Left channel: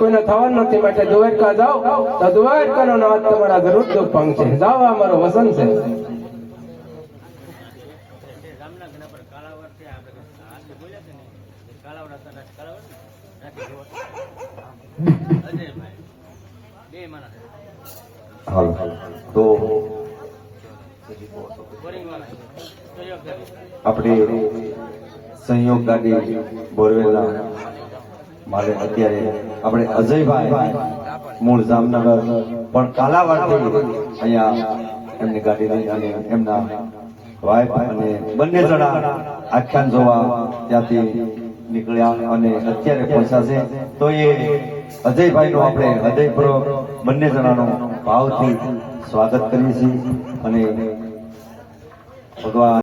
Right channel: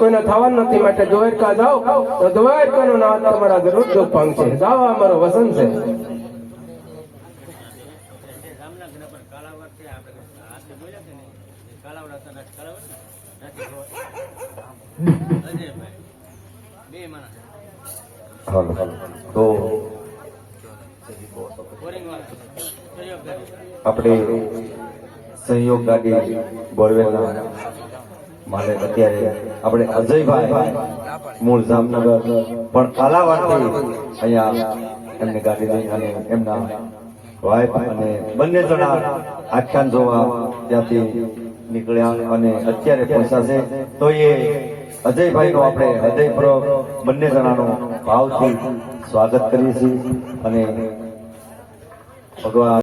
કોઈનો થવાનું નથી માટે દ્વારકા જાઓ તો દ્વારકાનો નાથ તમારા જરૂર દુઃખ પહોંચે. જાઓ અમારું વસન છે. તો આપણે સહયોગ ગાડી બોરવેલના મારે અત્યારે આપણે અજયભાઈ મૂળ જામનગર પણ કાલાવાડથી અહીંયા એમની ગાડી લઈને એમના વાઇફ અને બંને જણા આખ્યાન જોવા ત્યાંથી નીકળ્યા અને અત્યારે પહોંચાશે. તો એ અજયભાઈનું આપણે હૃદયપૂર્વક બંને જણાનું ભાવથી સ્વાગત કરીએ છીએ અને ભગવાન